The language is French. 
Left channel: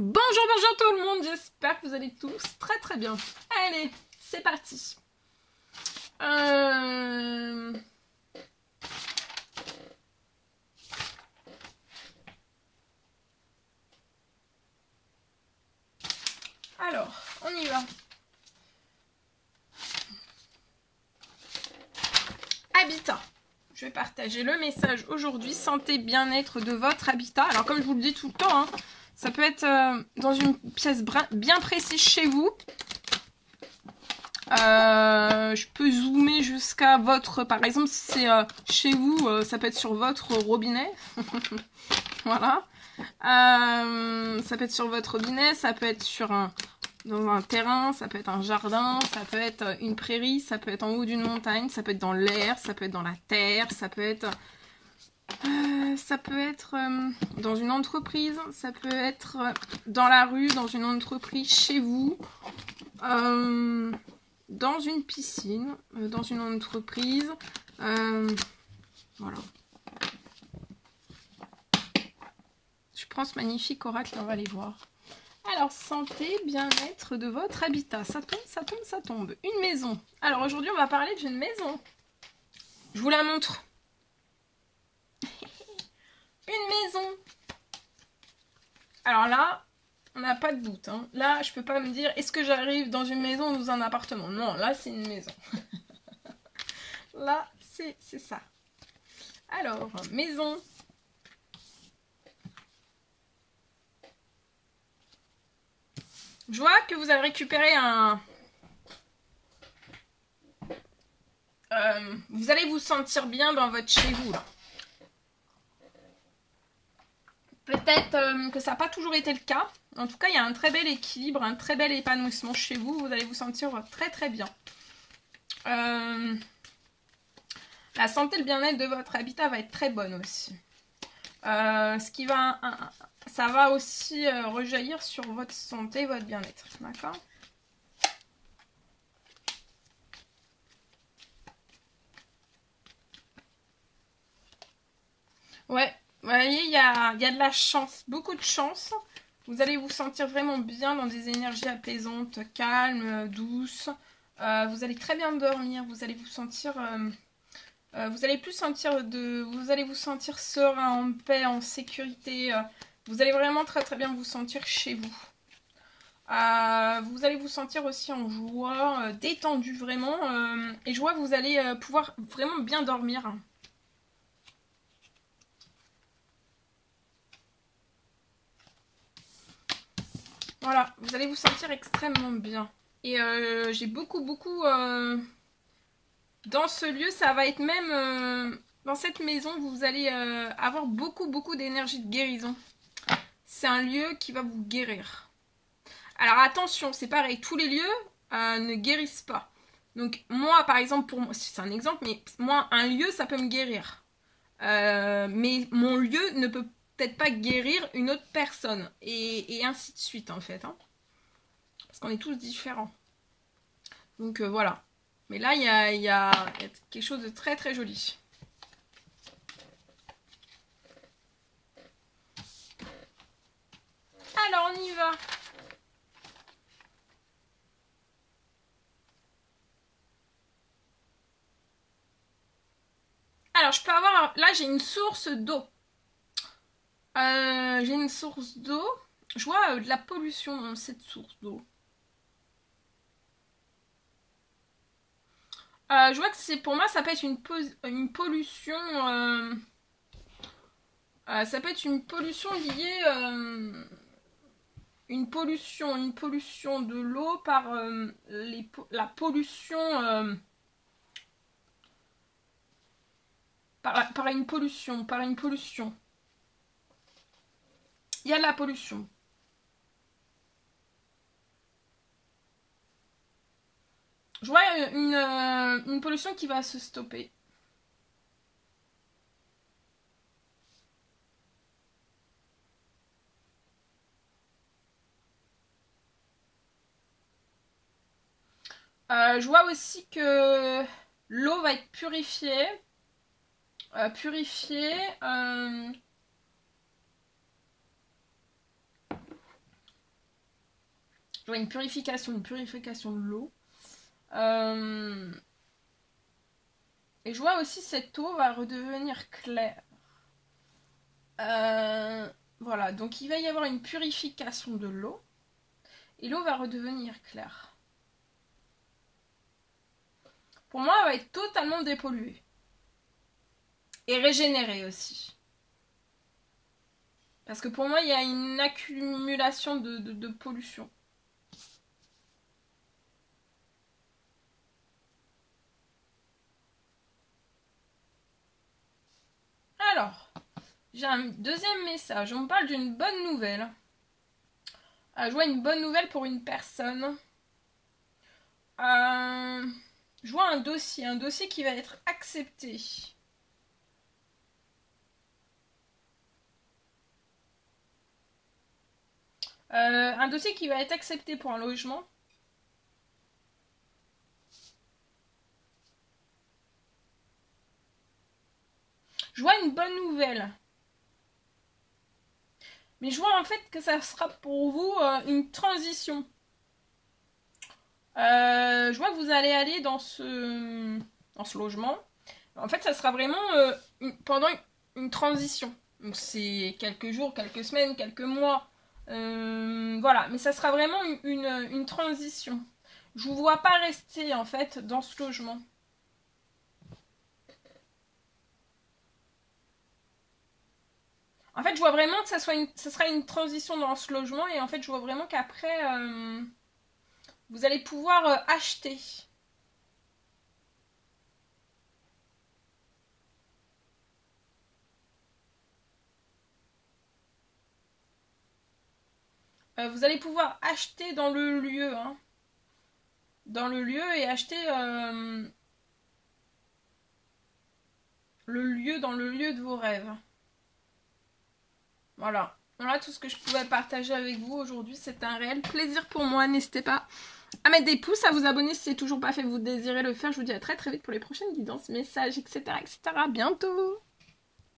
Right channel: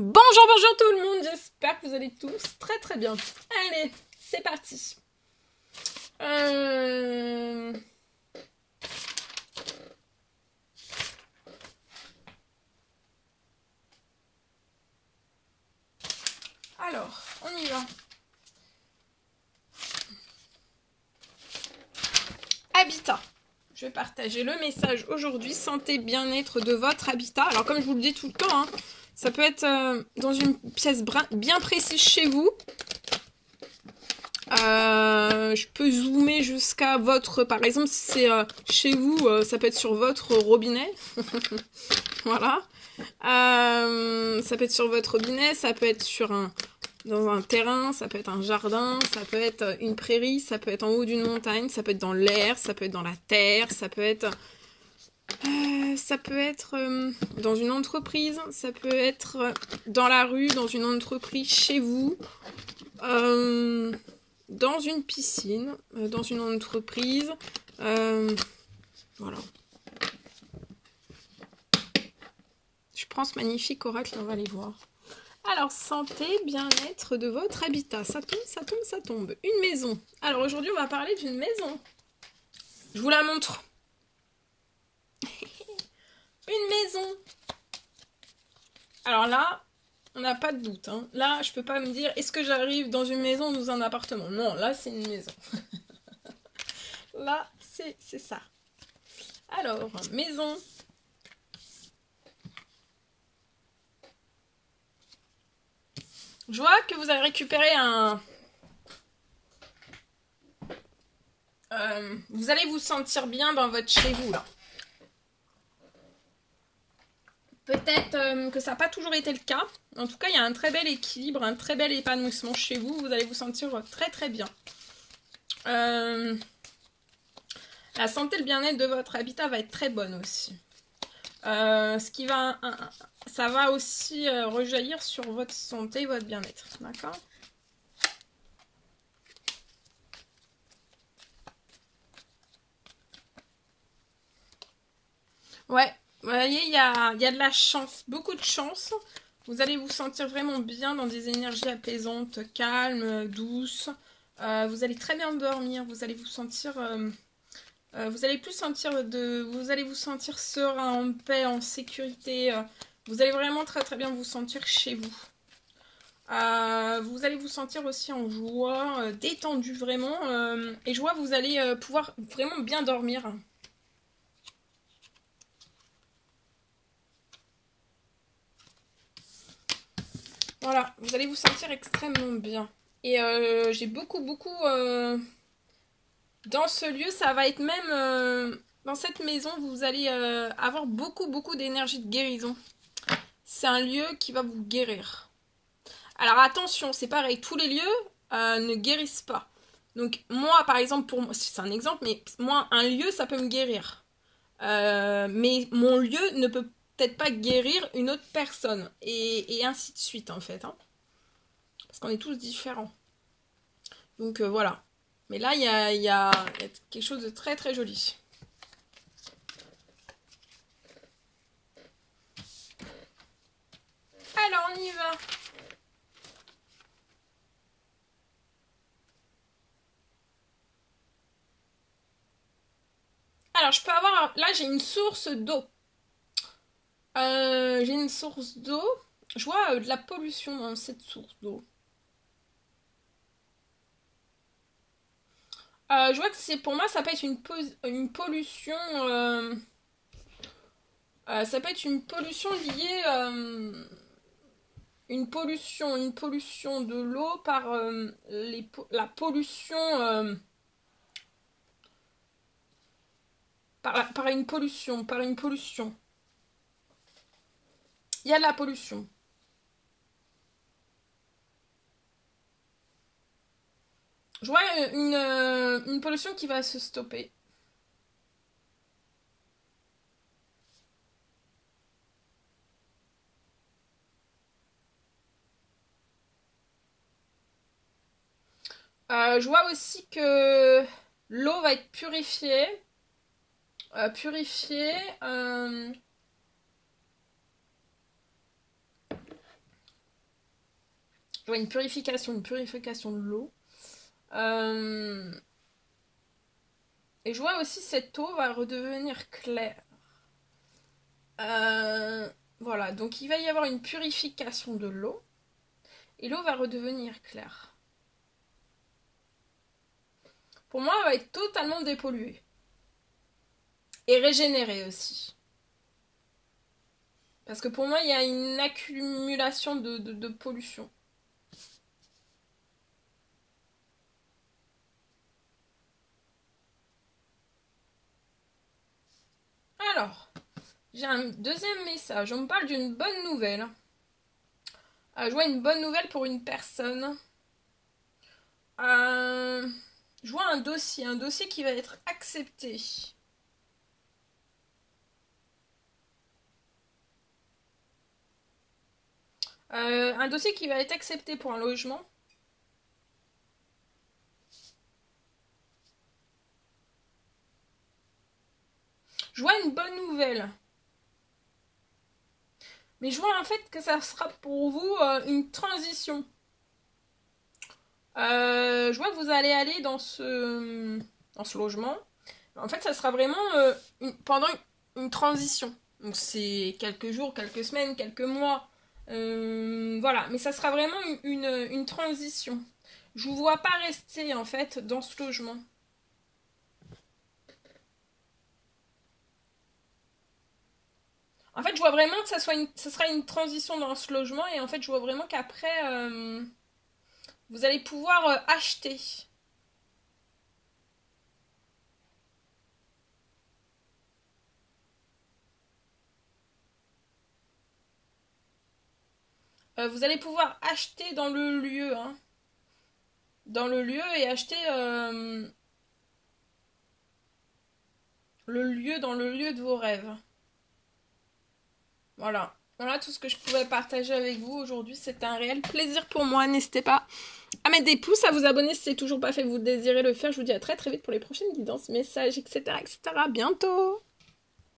Bonjour, bonjour tout le monde, j'espère que vous allez tous très très bien. Allez, c'est parti. Alors, on y va. Habitat. Je vais partager le message aujourd'hui, santé, bien-être de votre habitat. Alors comme je vous le dis tout le temps, hein, ça peut être dans une pièce bien précise chez vous. Je peux zoomer jusqu'à votre... Par exemple, si c'est chez vous, ça peut être sur votre robinet. Voilà. Ça peut être sur votre robinet, ça peut être sur dans un terrain, ça peut être un jardin, ça peut être une prairie, ça peut être en haut d'une montagne, ça peut être dans l'air, ça peut être dans la terre, ça peut être dans une entreprise, ça peut être dans la rue, dans une entreprise, chez vous, dans une piscine, dans une entreprise, voilà. Je prends ce magnifique oracle et on va aller voir. Alors, santé, bien-être de votre habitat. Ça tombe, ça tombe, ça tombe. Une maison. Alors, aujourd'hui, on va parler d'une maison. Je vous la montre. Une maison. Alors là, on n'a pas de doute. Hein. Là, je peux pas me dire, est-ce que j'arrive dans une maison ou dans un appartement? Non, là, c'est une maison. Là, c'est ça. Alors, maison. Je vois que vous avez récupéré un... vous allez vous sentir bien dans votre chez vous, là. Peut-être que ça n'a pas toujours été le cas. En tout cas, il y a un très bel équilibre, un très bel épanouissement chez vous. Vous allez vous sentir très très bien. La santé, le bien-être de votre habitat va être très bonne aussi. Ça va aussi rejaillir sur votre santé et votre bien-être. D'accord ? Ouais, vous voyez, il y a de la chance, beaucoup de chance. Vous allez vous sentir vraiment bien dans des énergies apaisantes, calmes, douces. Vous allez très bien dormir, vous allez vous sentir... vous allez vous sentir serein, en paix, en sécurité. Vous allez vraiment très très bien vous sentir chez vous. Vous allez vous sentir aussi en joie, détendu vraiment. Et joie, vous allez pouvoir vraiment bien dormir. Voilà, vous allez vous sentir extrêmement bien. Et j'ai beaucoup dans ce lieu, ça va être même... dans cette maison, vous allez avoir beaucoup d'énergie de guérison. C'est un lieu qui va vous guérir. Alors attention, c'est pareil, tous les lieux ne guérissent pas. Donc moi, par exemple, pour moi, c'est un exemple, mais moi, un lieu, ça peut me guérir. Mais mon lieu ne peut peut-être pas guérir une autre personne. Et ainsi de suite, en fait. Hein. Parce qu'on est tous différents. Donc voilà. Mais là, il y a quelque chose de très très joli. Alors, on y va. Alors, je peux avoir... Là, j'ai une source d'eau. J'ai une source d'eau. Je vois de la pollution dans cette source d'eau. Je vois que c'est pour moi, ça peut être une pollution... ça peut être une pollution liée... une pollution de l'eau par la pollution... par une pollution. Il y a de la pollution. Je vois une pollution qui va se stopper. Je vois aussi que l'eau va être purifiée. vois une purification de l'eau. Et je vois aussi cette eau va redevenir claire. Voilà, donc il va y avoir une purification de l'eau. Et l'eau va redevenir claire. Pour moi, elle va être totalement dépolluée. Et régénérée aussi. Parce que pour moi, il y a une accumulation de pollution. Alors, j'ai un deuxième message. On me parle d'une bonne nouvelle. Je vois une bonne nouvelle pour une personne. Je vois un dossier qui va être accepté. Un dossier qui va être accepté pour un logement. Je vois une bonne nouvelle. Mais je vois en fait que ça sera pour vous une transition. Je vois que vous allez aller dans ce logement. En fait, ça sera vraiment pendant une transition. Donc c'est quelques jours, quelques semaines, quelques mois. Voilà, mais ça sera vraiment une transition. Je vous vois pas rester en fait dans ce logement. En fait, je vois vraiment que ça sera une transition dans ce logement et en fait, je vois vraiment qu'après, vous allez pouvoir acheter. Vous allez pouvoir acheter dans le lieu, hein. Dans le lieu et acheter le lieu dans le lieu de vos rêves. Voilà. Voilà tout ce que je pouvais partager avec vous aujourd'hui. C'était un réel plaisir pour moi. N'hésitez pas à mettre des pouces, à vous abonner si c'est toujours pas fait, vous désirez le faire. Je vous dis à très très vite pour les prochaines guidances, messages, etc. etc. À bientôt.